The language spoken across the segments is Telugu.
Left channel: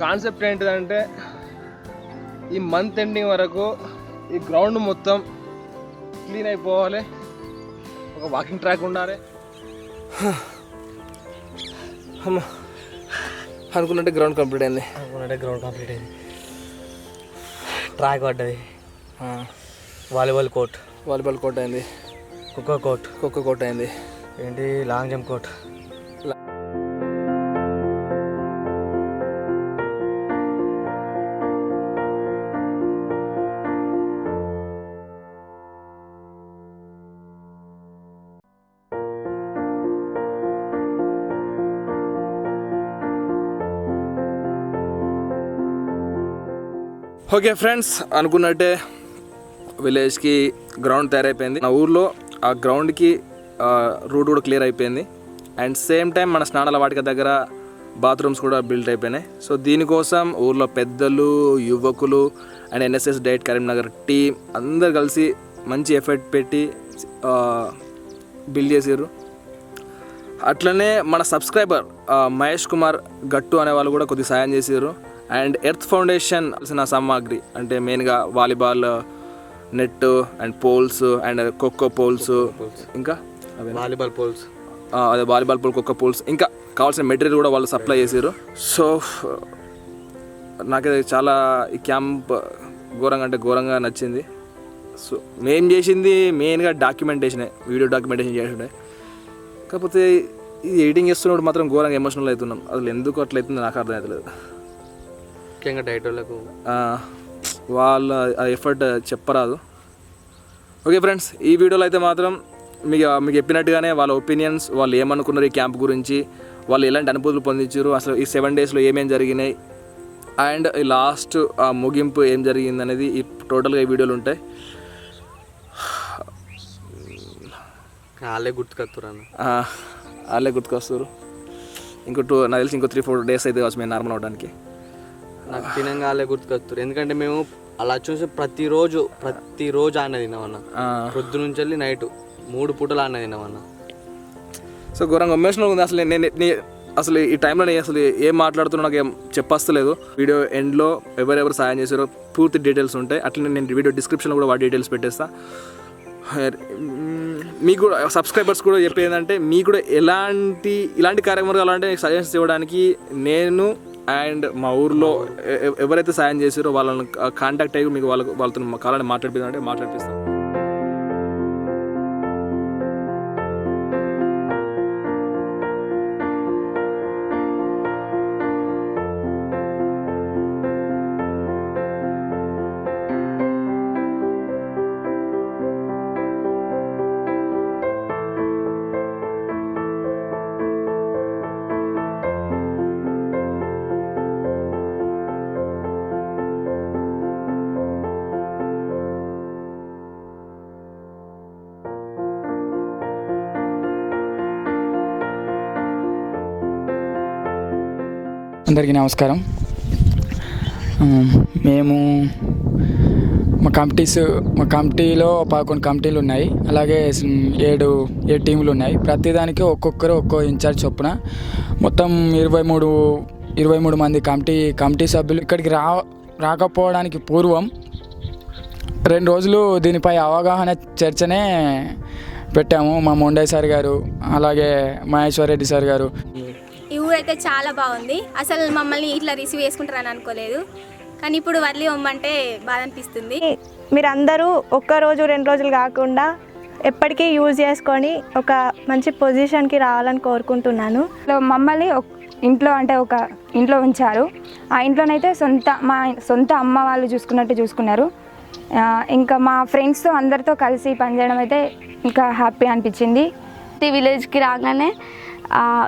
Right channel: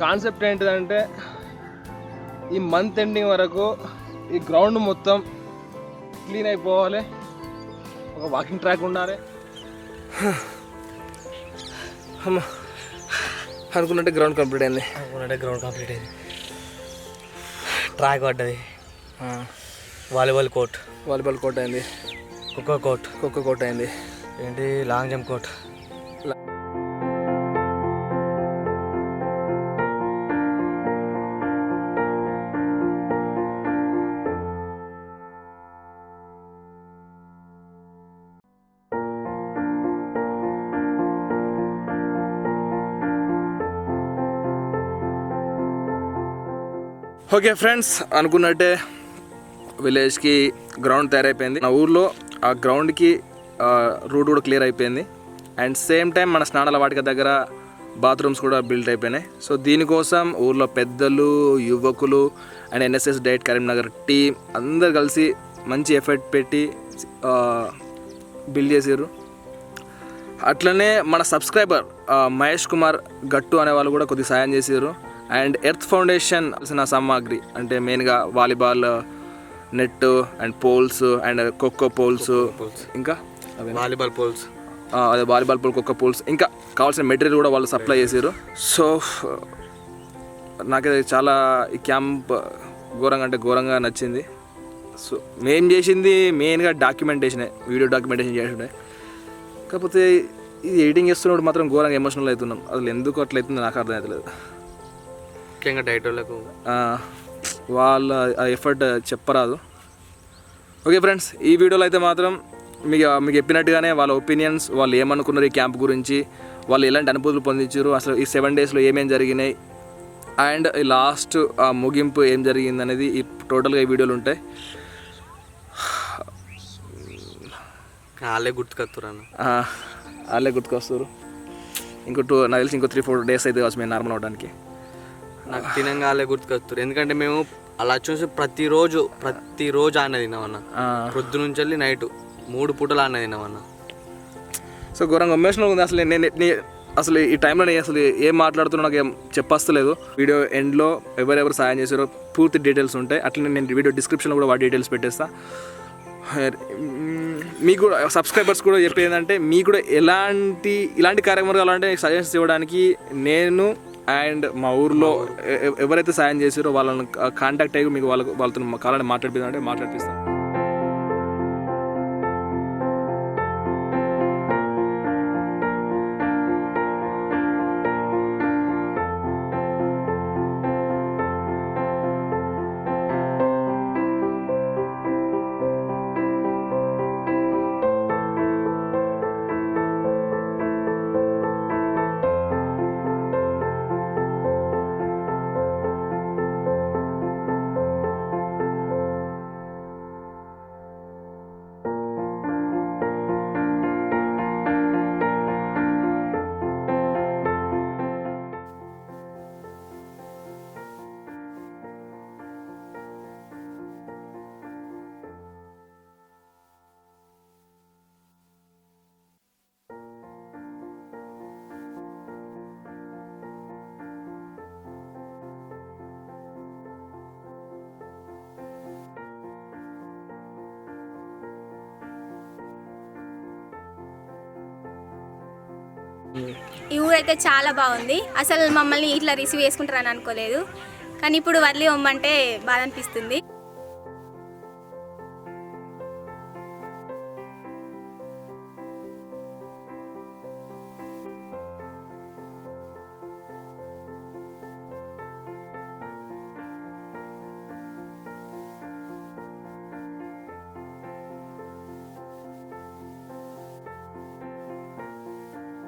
కాన్సెప్ట్ ఏంటిదంటే ఈ మంత్ ఎండింగ్ వరకు ఈ గ్రౌండ్ మొత్తం క్లీన్ అయిపోవాలి. ఒక వాకింగ్ ట్రాక్ ఉండాలి. అమ్మ అనుకున్నట్టే గ్రౌండ్ కంప్లీట్ అయింది. అనుకున్నట్టే గ్రౌండ్ కంప్లీట్ అయింది. ట్రాక్ పడ్డది. వాలీబాల్ కోర్ట్ వాలీబాల్ కోర్ట్ అయింది. ఖోఖో కోర్ట్ ఖోఖో కోర్ట్ అయింది. ఏంటి? Long jump court okay friends అనుకున్నట్టే విలేజ్కి గ్రౌండ్ తయారైపోయింది. నా ఊర్లో ఆ గ్రౌండ్కి రూట్ కూడా క్లియర్ అయిపోయింది. అండ్ సేమ్ టైం మన స్నానాల వాటిక దగ్గర బాత్రూమ్స్ కూడా బిల్డ్ అయిపోయినాయి. సో దీనికోసం ఊర్లో పెద్దలు యువకులు and NSS DIET Karimnagar team అందరు కలిసి మంచి ఎఫర్ట్ పెట్టి బిల్డ్ చేసారు అట్లనే మన సబ్స్క్రైబర్ మహేష్ కుమార్ గట్టు అనే వాళ్ళు కూడా కొద్దిగా సాయం చేసారు అండ్ ఎర్త్ ఫౌండేషన్ కలిసిన సామాగ్రి అంటే మెయిన్గా volleyball net and poles and khokho poles. ఇంకా వాలీబాల్ పోల్స్. అదే వాలీబాల్ పోల్ ఖోఖో పోల్స్. ఇంకా కావాల్సిన మెటీరియల్ కూడా వాళ్ళు సప్లై చేసారు సో నాకైతే చాలా ఈ క్యాంప్ ఘోరంగా అంటే ఘోరంగా నచ్చింది. సో మేము చేసింది మెయిన్గా డాక్యుమెంటేషనే వీడియో డాక్యుమెంటేషన్ చేసిండే కాకపోతే ఇది ఎడిటింగ్ చేస్తున్నప్పుడు మాత్రం ఘోరంగా ఎమోషనల్ అవుతున్నాం. అసలు ఎందుకు అట్లా అవుతుందో నాకు అర్థం అవుతలేదు ముఖ్యంగా డైట్ వాళ్ళకు వాళ్ళ ఎఫర్ట్ చెప్పరాదు. ఓకే ఫ్రెండ్స్ ఈ వీడియోలో అయితే మాత్రం మీకు మీకు చెప్పినట్టుగానే వాళ్ళ ఒపీనియన్స్ వాళ్ళు ఏమనుకున్నారు ఈ క్యాంప్ గురించి వాళ్ళు ఎలాంటి అనుభూతులు పొందించారు అసలు ఈ సెవెన్ డేస్లో ఏమేం జరిగినాయి అండ్ ఈ లాస్ట్ ఆ ముగింపు ఏం జరిగింది అనేది ఈ టోటల్గా ఈ వీడియోలు ఉంటాయి. వాళ్ళే ఆ, వాళ్ళే గుర్తుకొస్తారు. ఇంకో టూ నాకు తెలిసి ఇంకో త్రీ ఫోర్ డేస్ అయితే కావచ్చు మేము నార్మల్ అవడానికి. నాకు తినంగా వాళ్ళే గుర్తుకొత్తురు ఎందుకంటే మేము అలా చూసి ప్రతిరోజు ప్రతిరోజు ఆన్న తిన్నామన్న. పొద్దు నుంచి వెళ్ళి నైట్ మూడు పూటలు ఆన్న తిన్నామన్న. సో ఘోరంగా ఎమోషనల్ ఉంది. అసలు నేను అసలు ఈ టైంలో నేను అసలు ఏం మాట్లాడుతున్నా నాకు ఏం చెప్పస్తలేదు. వీడియో ఎండ్లో ఎవరెవరు సాయం చేశారో పూర్తి డీటెయిల్స్ ఉంటాయి. అట్లనే నేను వీడియో డిస్క్రిప్షన్లో కూడా వాటి డీటెయిల్స్ పెట్టేస్తా. మీకు కూడా సబ్స్క్రైబర్స్ కూడా చెప్పేది ఏంటంటే మీకు కూడా ఎలాంటి ఇలాంటి కార్యక్రమాలు కావాలంటే సజెషన్స్ ఇవ్వడానికి నేను అండ్ మా ఊర్లో ఎవరైతే సాయం చేశారో వాళ్ళని కాంటాక్ట్ అయ్యి మీకు వాళ్ళకు వాళ్ళతో కాలని మాట్లాడిపోయిందంటే మాట్లాడిపిస్తాం. అందరికీ నమస్కారం. మేము మా కమిటీస్ మా కమిటీలో పదకొండు కమిటీలు ఉన్నాయి. అలాగే ఏడు ఏడు టీములు ఉన్నాయి. ప్రతిదానికి ఒక్కొక్కరు ఒక్కో ఇన్ఛార్జ్ చొప్పున మొత్తం ఇరవై మూడు ఇరవై మూడు మంది కమిటీ కమిటీ సభ్యులు ఇక్కడికి రా రాకపోవడానికి పూర్వం రెండు రోజులు దీనిపై అవగాహన చర్చనే పెట్టాము మా మొండయ్య సార్ గారు అలాగే మహేశ్వర్ రెడ్డి సార్ గారు. ఈ ఊరు అయితే చాలా బాగుంది. అసలు మమ్మల్ని ఇట్లా రిసీవ్ చేసుకుంటారని అనుకోలేదు. కానీ ఇప్పుడు వదిలి ఇవ్వమంటే బాధ అనిపిస్తుంది. మీరందరూ ఒక్క రోజు రెండు రోజులు కాకుండా ఎప్పటికీ యూజ్ చేసుకొని ఒక మంచి పొజిషన్కి రావాలని కోరుకుంటున్నాను. మమ్మల్ని ఇంట్లో అంటే ఒక ఇంట్లో ఉంచారు. ఆ ఇంట్లోనైతే సొంత మా సొంత అమ్మ వాళ్ళు చూసుకున్నట్టు చూసుకున్నారు. ఇంకా మా ఫ్రెండ్స్తో అందరితో కలిసి పనిచేయడం అయితే ఇంకా హ్యాపీ అనిపించింది. ఈ విలేజ్కి రాగానే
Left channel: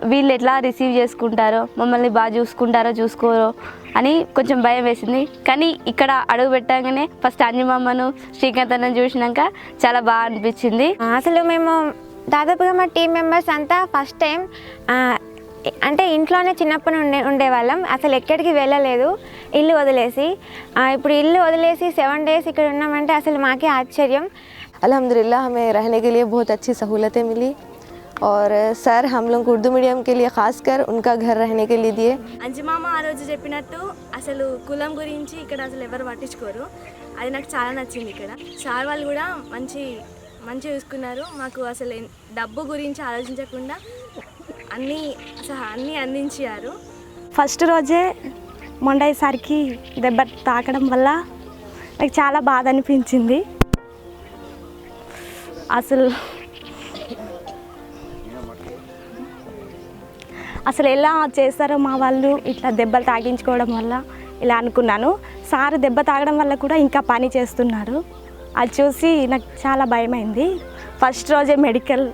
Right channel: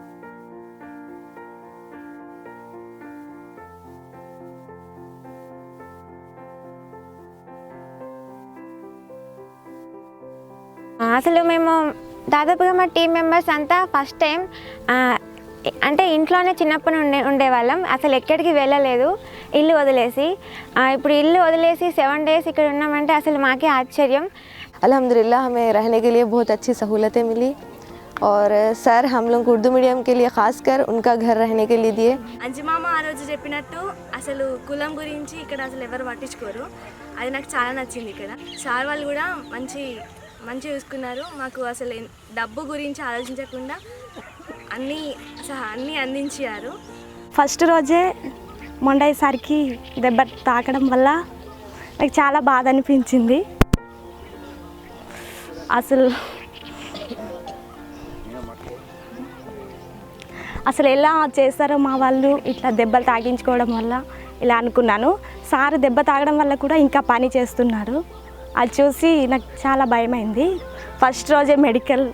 వీళ్ళు ఎట్లా రిసీవ్ చేసుకుంటారో మమ్మల్ని బాగా చూసుకుంటారో చూసుకోరో అని కొంచెం భయం వేసింది కానీ ఇక్కడ అడుగు పెట్టగానే ఫస్ట్ అంజమమ్మను శ్రీకాంత్ అన్నను చూసినాక చాలా బాగా అనిపించింది అసలు మేము దాదాపుగా మా టీం మెంబర్స్ అంతా ఫస్ట్ టైం అంటే ఇంట్లోనే చిన్నప్పటి ఉండే ఉండేవాళ్ళం అసలు ఎక్కడికి వెళ్ళలేదు ఇల్లు వదిలేసి ఆ, ఇప్పుడు ఇల్లు వదిలేసి సెవెన్ డేస్ ఇక్కడ ఉన్నామంటే అసలు మాకే ఆశ్చర్యం अल्हम्दुलिल्लाह हमें रहने के लिए बहुत अच्छी सहूलतें मिली और सर हम लोग उर्दू मीडियम के लिए खासकर उनका घर रहने के लिए दिए అంజిమామ ఆ రోజు చెప్పినట్టు అసలు కులం గురించి ఇక్కడ అసలు ఎవరు పట్టించుకోరు అది నాకు చాలా నచ్చింది ఇక్కడ సార్ వాళ్ళు కూడా మంచి మంచి చూసుకున్నారు మాకు అసలు ఎన్- డబ్బు గురించి ఆలోచించకుండా అన్నీ అసలు అన్నీ అందించారు ఫస్ట్ రోజే మొండయ్యసారికి దెబ్బ తాకడం వల్ల నాకు చాలా బాధ అనిపించింది అసలు అసలు ఎలా చేస్తారో మా వాళ్ళు ఇట్లా దెబ్బలు తాగించుకోవడం వల్ల ఇలా అనుకున్నాను. సార్ దెబ్బ తాగడం వల్ల కూడా ఇంకా పని చేస్తున్నారు. అది చూసి నాకు చాలా భయమైంది. ఫస్ట్ రోజే మెడికల్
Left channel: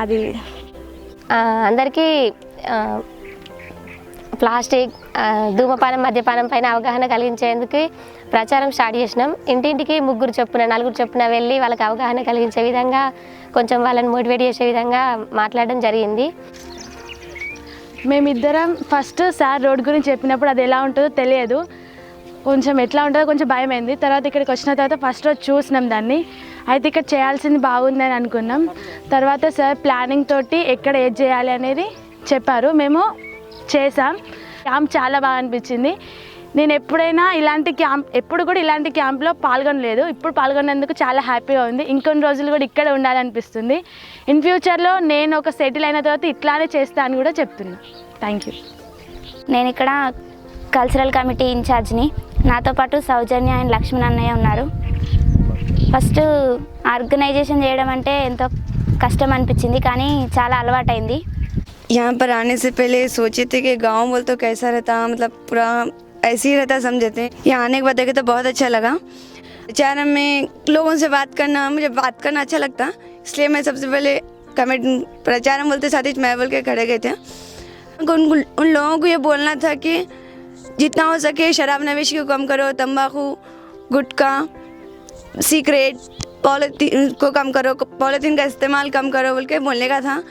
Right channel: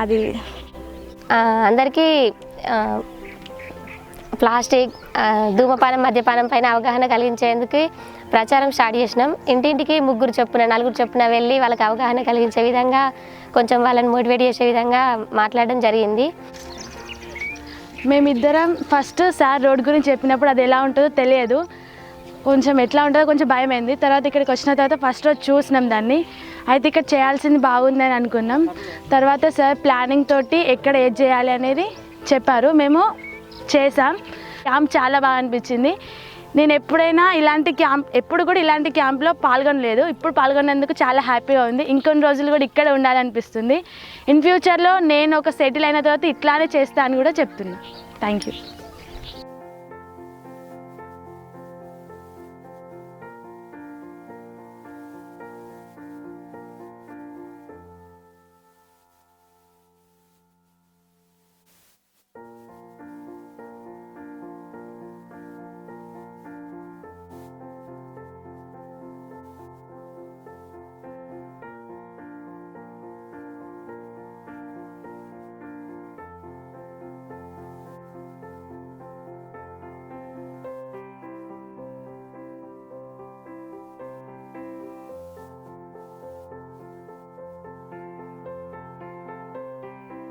అది. అందరికీ ప్లాస్టిక్ ధూమపానం మద్యపానం పైన అవగాహన కలిగించేందుకు ప్రచారం స్టార్ట్ చేసినాం. ఇంటింటికి ముగ్గురు చొప్పున నలుగురు చొప్పున వెళ్ళి వాళ్ళకి అవగాహన కలిగించే విధంగా కొంచెం వాళ్ళని మోటివేట్ చేసే విధంగా మాట్లాడడం జరిగింది. మేమిద్దరం ఫస్ట్ సార్ రోడ్ గురించి చెప్పినప్పుడు అది ఎలా ఉంటుందో తెలియదు. కొంచెం ఎట్లా ఉంటుందో కొంచెం భయమైంది. తర్వాత ఇక్కడికి వచ్చిన తర్వాత ఫస్ట్ రోజు చూసినాం దాన్ని. అయితే ఇక్కడ చేయాల్సింది బాగుందని అనుకున్నాం. తర్వాత సార్ ప్లానింగ్ తోటి ఎక్కడ ఏది చేయాలి అనేది చెప్పారు. మేము చేసాం. క్యాంప్ చాలా బాగా అనిపించింది. నేను ఎప్పుడైనా ఇలాంటి క్యాంప్ ఎప్పుడు కూడా ఇలాంటి క్యాంప్లో పాల్గొనలేదు ఇప్పుడు పాల్గొన్నందుకు చాలా హ్యాపీగా ఉంది ఇంకొన్ని రోజులు కూడా ఇక్కడ ఉండాలనిపిస్తుంది ఇన్ ఫ్యూచర్లో నేను ఒక సెటిల్ అయిన తర్వాత ఇట్లానే చేస్తా అని కూడా చెప్తున్నా థ్యాంక్ యూ నేను ఇక్కడ కల్చరల్ కమిటీ ఇన్ఛార్జ్ని నాతో పాటు సౌజన్య అండ్ లక్ష్మణ్ అన్నయ్య ఉన్నారు ఫస్ట్ ఆర్గనైజేషన్ చేయడం అంటే ఎంతో కష్టం అనిపించింది కానీ చాలా అలవాటైంది यहाँ पर आने से पहले सोचे थे कि गांव बोल तो कैसा रहता मतलब पूरा ऐसे ही रहता समझे थे यहाँ आने के बाद देखे तो बहुत अच्छा लगा। प्रचारम में लोगों से बात करना, मुझे बात करना अच्छा लगता। इसलिए मैं सबसे पहले कमेट प्रचारम बोलते साथ ही मैं बोल के खड़े गए थे। उन उन लोगों को ये बोलना था कि जितना हो सके शराब नवेशी को कम करो, तंबाकू, गुटखा, सिगरेट, पॉलीथीन को कम करो, पॉलीथीन का इस्तेमाल कम करो बोल के बोलने का था।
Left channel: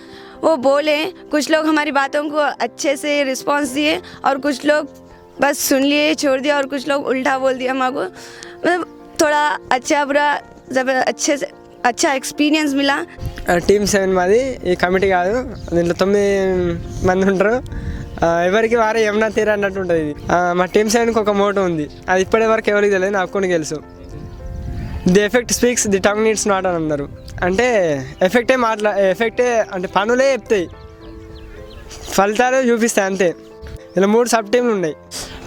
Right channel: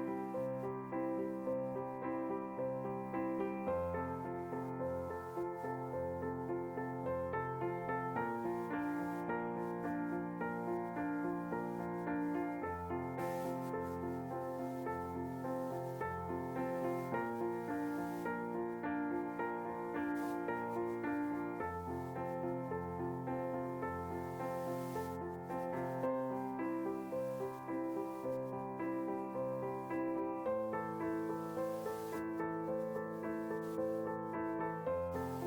वो बोले, कुछ लोग हमारी बातों को अच्छे से रिस्पांस दिए और कुछ लोग बस सुन लिए छोड़ दिया और कुछ लोग उल्टा बोल दिया हमारे को मतलब थोड़ा अच्छा बुरा जब अच्छे से अच्छा एक्सपीरियंस मिला టీమ్ సెవెన్ మాది ఈ కమిటీ కాదు దీంట్లో తొమ్మిది మంది ఉంటారు ఆ, ఎవరికి వారే యమునా తీర అన్నట్టు ఉంటుంది ఇది ఆ, మా టీమ్ సెవెన్కి ఒక మోటో ఉంది అది ఇప్పటి వరకు ఎవరికి తెలియదు నాకు కొన్ని తెలుసు the effect speaks the tongue needs not అని అన్నారు అంటే ఎఫెక్టే మాట్లా ఎఫెక్టే అంటే పనులే చెప్తాయి ఫలితాలు చూపిస్తాయి అంతే ఇలా మూడు సబ్ టీంలు ఉన్నాయి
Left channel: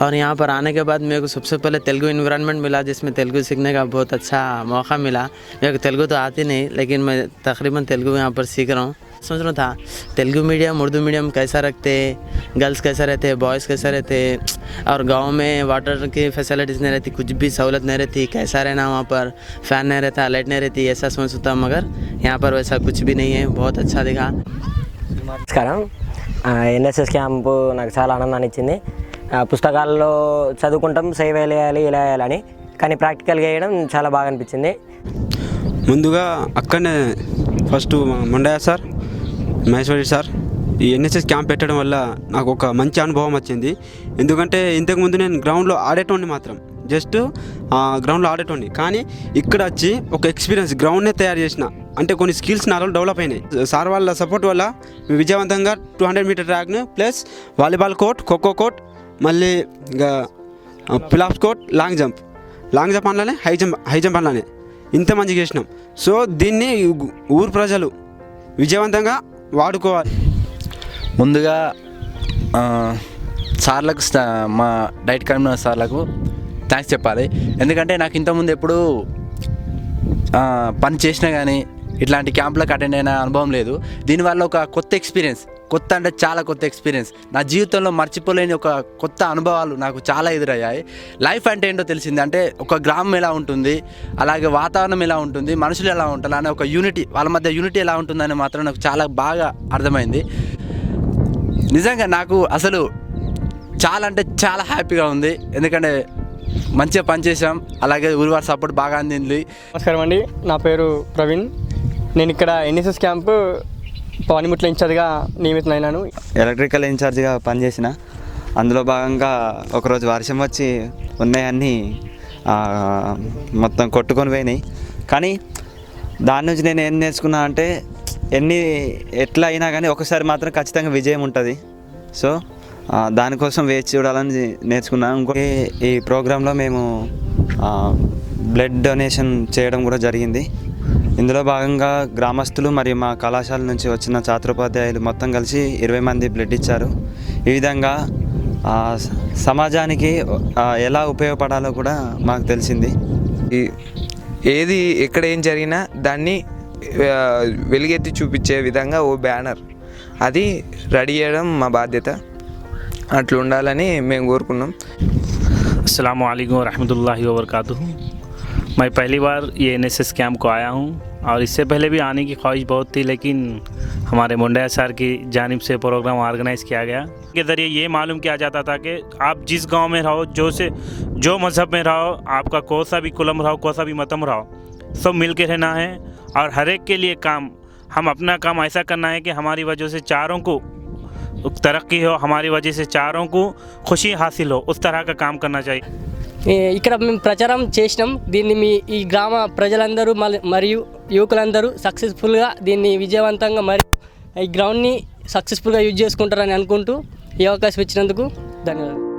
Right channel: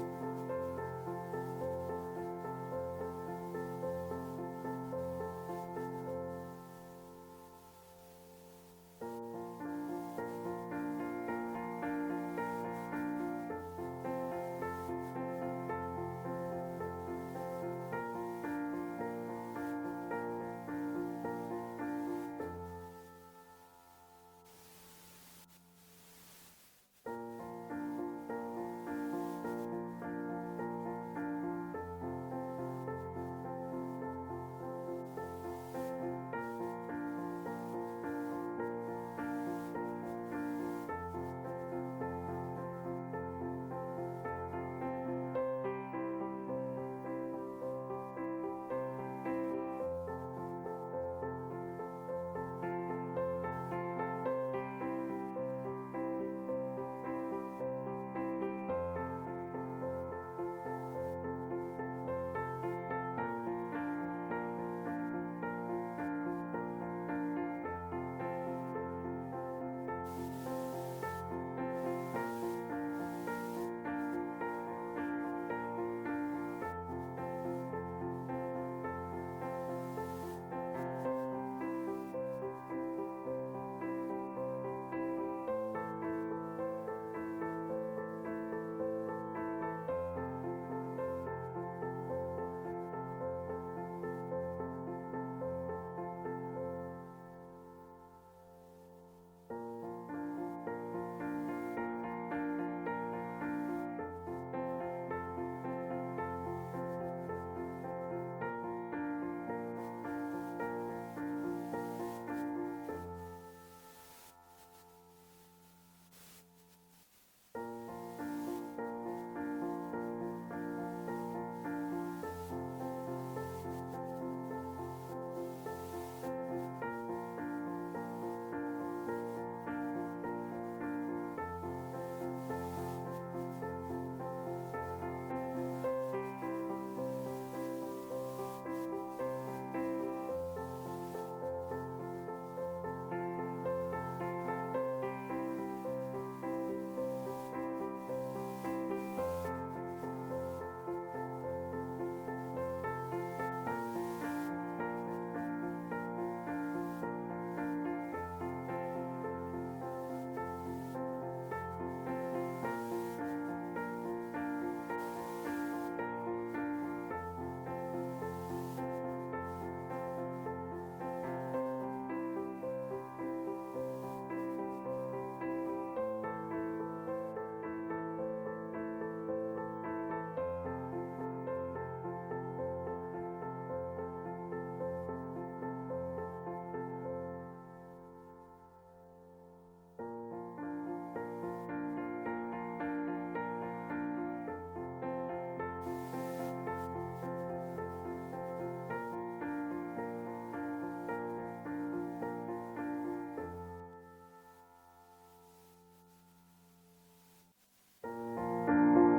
और यहाँ पर आने के बाद मेरे को सबसे पहले तेलुगु इन्वायरमेंट मिला जिसमें तेलुगु सीखने का बहुत अच्छा मौका मिला मेरे को तेलुगु तो आती नहीं लेकिन मैं तकरीबन तेलुगु यहाँ पर सीख रहा हूँ सोच रहा था तेलुगु मीडियम उर्दू मीडियम कैसा रखते गर्ल्स कैसा रहते बॉयज़ कैसा रहते और गांव में वाटर की फैसिलिटीज़ नहीं रहती कुछ भी सहूलत नहीं रहती कैसा रहना वहाँ पर फ़ैन नहीं रहता लाइट नहीं रहती ऐसा सोचता मगर यहाँ पर वैसा कुछ भी नहीं है बहुत अच्छा दिखा నమస్కారం ఎన్ఎస్ఎస్ క్యాంపు నాకు చాలా ఆనందాన్ని ఇచ్చింది ఆ, పుస్తకాల్లో చదువుకుంటాం సేవ్ వేయాలి ఇలా వేయాలని కానీ ప్రాక్టికల్గా వేయడం చాలా బాగా అనిపించింది. ముందుగా అక్కడనే first Mondaiah sir Maheshwari sir ఈ ఎన్ఎస్ఎస్ క్యాంప్ పెట్టడం వల్ల నాకు ఒక మంచి అనుభవం వచ్చింది. ఎందుకంటే ఇంతకుముందు నేను గ్రౌండ్లో ఆడేటోడిని మాత్రం. జస్ట్ గ్రౌండ్లో ఆడేటోడిని. కానీ ఇక్కడ వచ్చి ఒక ఎక్స్పీరియన్స్ గ్రౌండ్నే తయారు చేసిన. అంటే కొన్ని స్కిల్స్ నాలో డెవలప్ అయినాయి. సార్ వాళ్ళ సపోర్ట్ వల్ల విజయవంతంగా two hundred metre ట్రాక్ను plus volleyball court khokho court మళ్ళీ ఇంకా పిలాప్స్ court long jump. Long jump అనలానే high jump high jump అనలానే ఇంత మంచిగా చేసినాం. సో దీన్ని ఊరు ప్రజలు విజయవంతంగా వాడుకోవాలి. ముందుగా సార్లకు మా డైట్ కన్వీనర్ సార్లకు థ్యాంక్స్ చెప్పాలి. ఎందుకంటే నాకు ఇంతకుముందు ఎప్పుడు పని చేసినా కానీ ఇట్లాంటి క్యాంప్లకు అటెండ్ అయిన అనుభవం లేదు. దీనివల్ల ఒక కొత్త ఎక్స్పీరియన్స్. కొత్త అంటే చాలా కొత్త ఎక్స్పీరియన్స్. నా జీవితంలో మర్చిపోలేని ఒక కొత్త అనుభవాలు నాకు చాలా ఎదురయ్యాయి. లైఫ్ అంటే ఏంటో తెలిసింది అంటే ఒక గ్రామం ఎలా ఉంటుంది అలాగే వాతావరణం ఎలా ఉంటుంది మనుషులు ఎలా ఉంటారు అనే ఒక యూనిటీ వాళ్ళ మధ్య యూనిటీ ఎలా ఉంటుందని మాత్రం నాకు చాలా బాగా అర్థమైంది. నిజంగా నాకు అసలు చాలా అంటే చాలా హ్యాపీగా ఉంది. ఎందుకంటే మంచిగా పనిచేసాం అలాగే ఊరివారి సపోర్ట్ బాగా అందింది. నమస్కారం అండి నా పేరు ప్రవీణ్. నేను ఇక్కడ ఎన్ఎస్ఎస్ క్యాంపు పానిముట్ల ఇన్ఛార్జ్గా నియమితులైనాను ఎలక్ట్రికల్ ఇన్ఛార్జ్గా పనిచేసిన అందులో భాగంగా ఒకరోజు వర్షం వచ్చి ఉన్నాయన్నీ మొత్తం కొట్టుకొని పోయినాయి. కానీ దాని నుంచి నేను ఏం నేర్చుకున్నా అంటే ఎన్ని ఎట్లా అయినా కానీ ఒకసారి మాత్రం ఖచ్చితంగా విజయం ఉంటుంది. సో దానికోసం వేచి చూడాలని నేర్చుకున్నాను ఇంకోటి ఈ ప్రోగ్రాంలో మేము బ్లడ్ డొనేషన్ చేయడం కూడా జరిగింది. ఇందులో భాగంగా గ్రామస్తులు మరియు మా కళాశాల నుంచి వచ్చిన ఛాత్రోపాధ్యాయులు మొత్తం కలిసి ఇరవై మంది బ్లడ్ ఇచ్చారు. ఈ విధంగా సమాజానికి ఎలా ఉపయోగపడాలో కూడా మాకు తెలిసింది. ఈ ఏది ఎక్కడ ఏం జరిగినా దాన్ని వెలుగెత్తి చూపించే విధంగా ఓ బ్యానర్. అది రెడీ చేయడం మా బాధ్యత. అట్లా ఉండాలని మేము కోరుకున్నాం. అస్సలం అయికు వరహమూల వబర్కాతు मैं पहली बार ये एन एस कैंप को आया हूँ और इससे पहले भी आने की ख्वाहिश बहुत थी, लेकिन हमारे मुंडा सर की जानब से प्रोग्राम ऑर्गेनाइज किया गया। के ज़रिए ये मालूम किया जाता था कि आप जिस गाँव में रहो, जो से, जो मज़हब में रहो, आपका कौन सा भी कुलम रहो कौन सा भी मतम रहो, सब मिल के रहना है और हर एक के लिए काम, हम अपना काम ऐसा करना है कि हमारी वजह से चारों को तरक्की हो, हमारी वजह से चारों को खुशी हासिल हो, उस तरह का काम करना चाहिए। ఇక్కడ మేము ప్రచారం చేసినాం. దీన్ని మీ ఈ గ్రామ ప్రజలందరూ మరియు యువకులందరూ సక్సెస్ఫుల్గా దీన్ని విజయవంతంగా మరియు ఈ గ్రౌండ్ని సక్సెస్ఫుల్గా యూజ్ చేసుకుంటారని అనుకుంటూ ఈ అవకాశం ఇచ్చినందుకు ధన్యవాదాలు.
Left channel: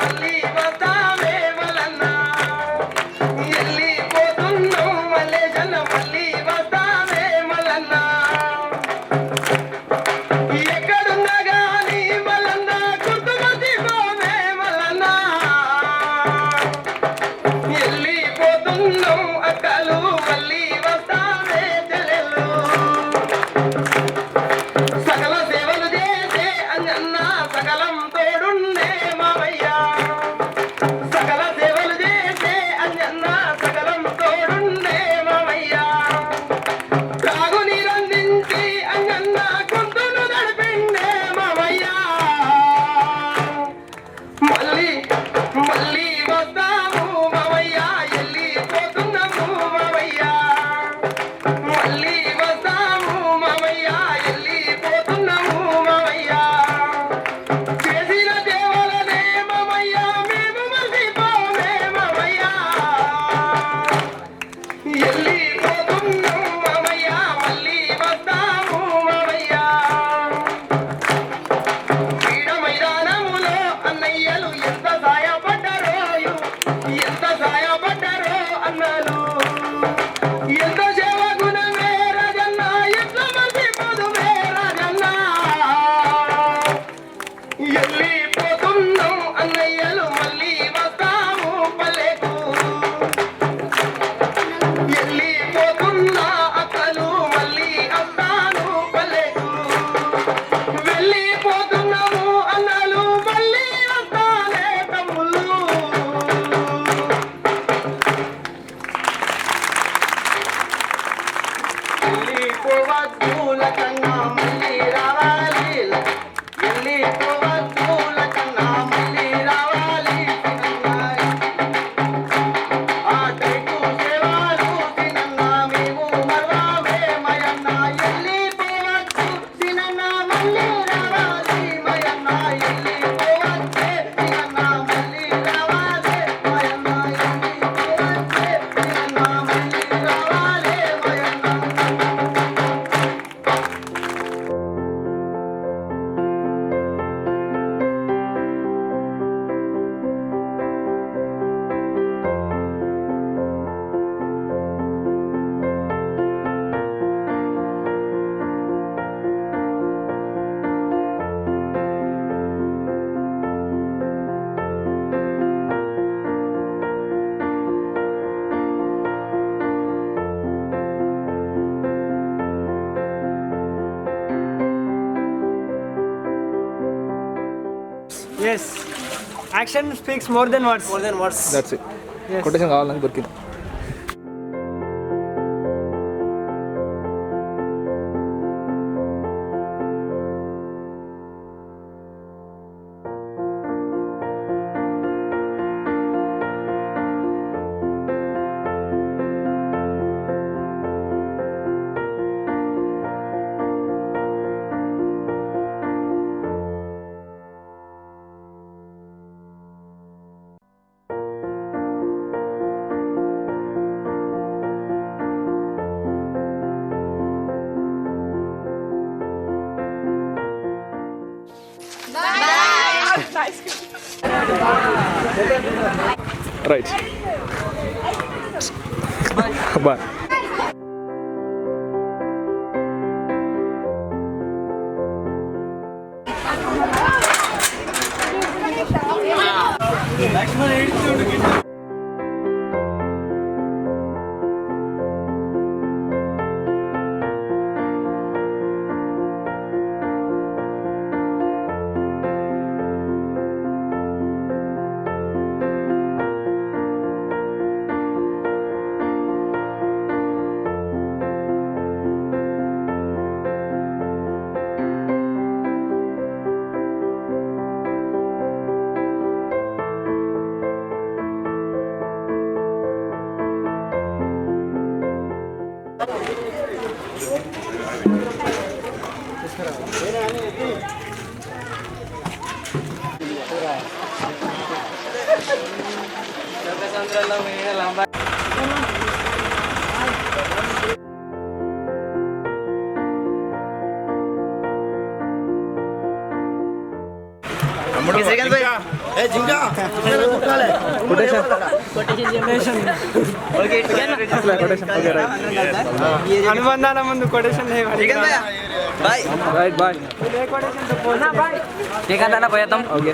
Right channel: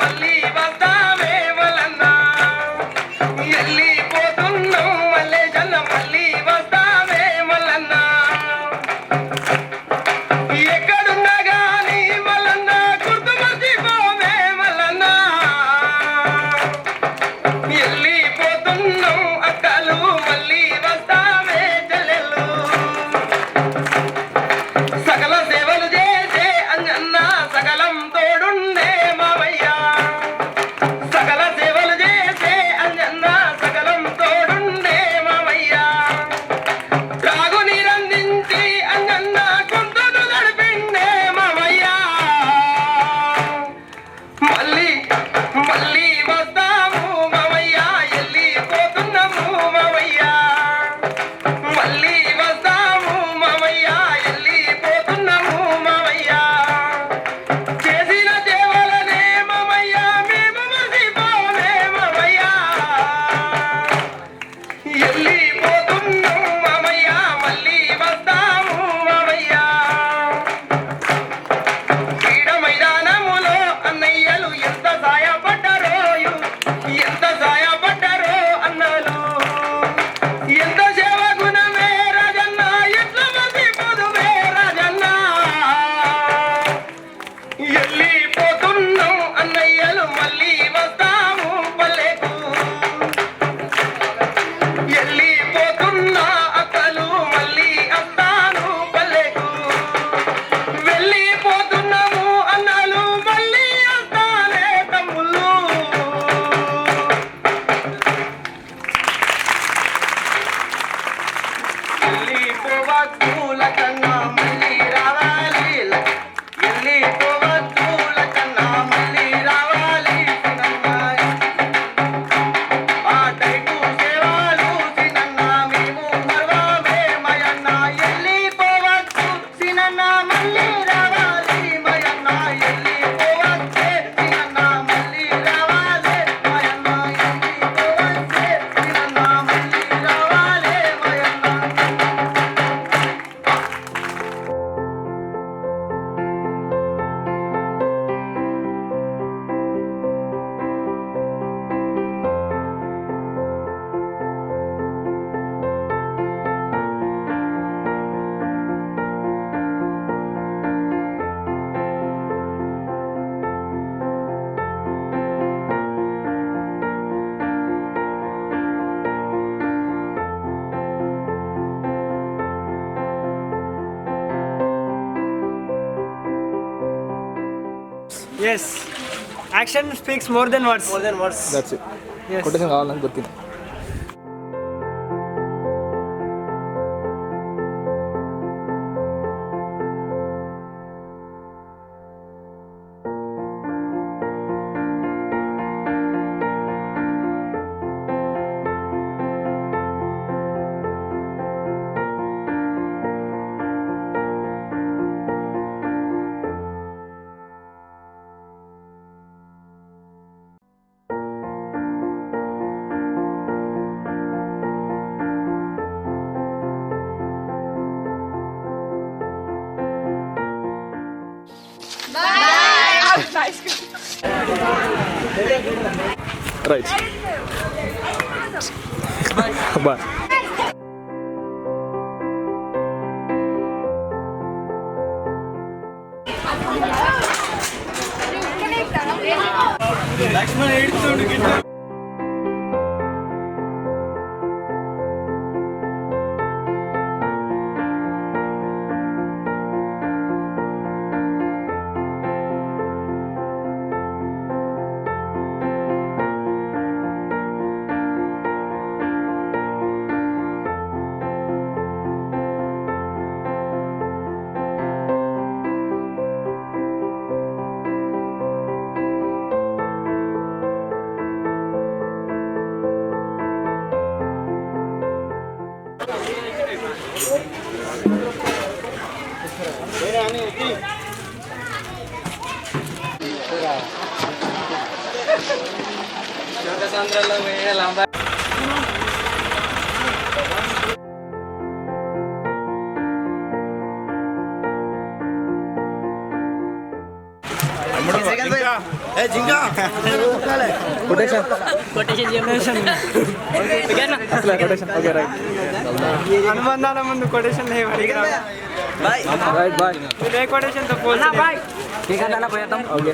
Ali. Yes action speaks more than words more than words that's it quotation కావాలని దొరికింది. right. Bye. Bye. Lakshman, it's to get అనుబంధాల ముందు కొటేషన్ లేవు అడిగిరా రైట్ బాయ్ కొటేషన్తో పోల్చి. ఓకే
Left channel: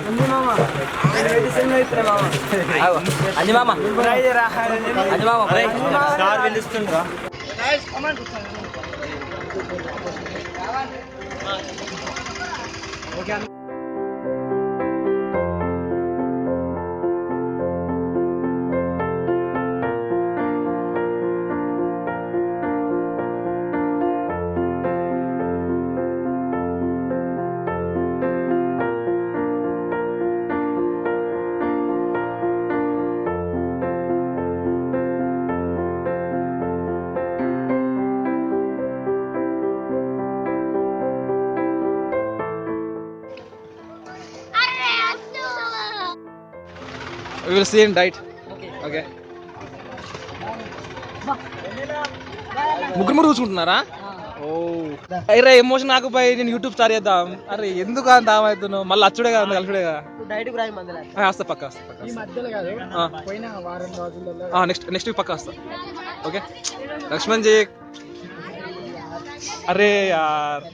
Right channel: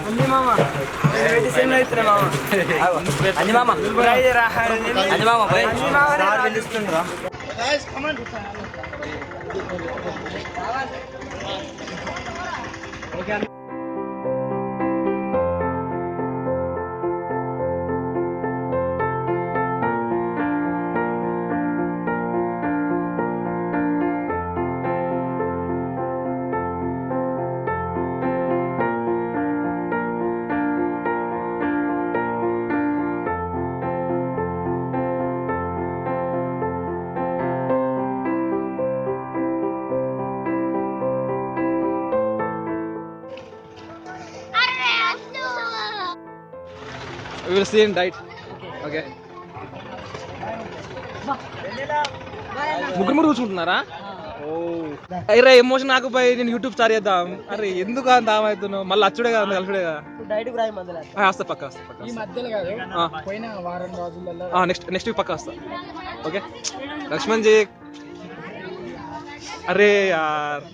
అంజి మామ. నేను పెట్టి సేమ్ అవుతున్నా మామ will see in diet. Okay ముగ్గురు ముగ్గురు చూసుకుంటున్నారా? ఓ. అరే ఎమోషన్ నాకు పోయి నేను యూట్యూబ్ స్టార్ట్ చేద్దాం. అరే ఎందుకు అంత అవుతున్నావు? మళ్ళీ అచ్చుడే కదా కలిసిడే కదా? వస్తా పక్క వస్తా పక్క ఈ మధ్యలో కాదు. పోయిన వారం రోజులలో. నెక్స్ట్ నెక్స్ట్ వీక్ పక్క వస్తా. ఓకే లక్ష్మణ్ జీ. అరే యార్.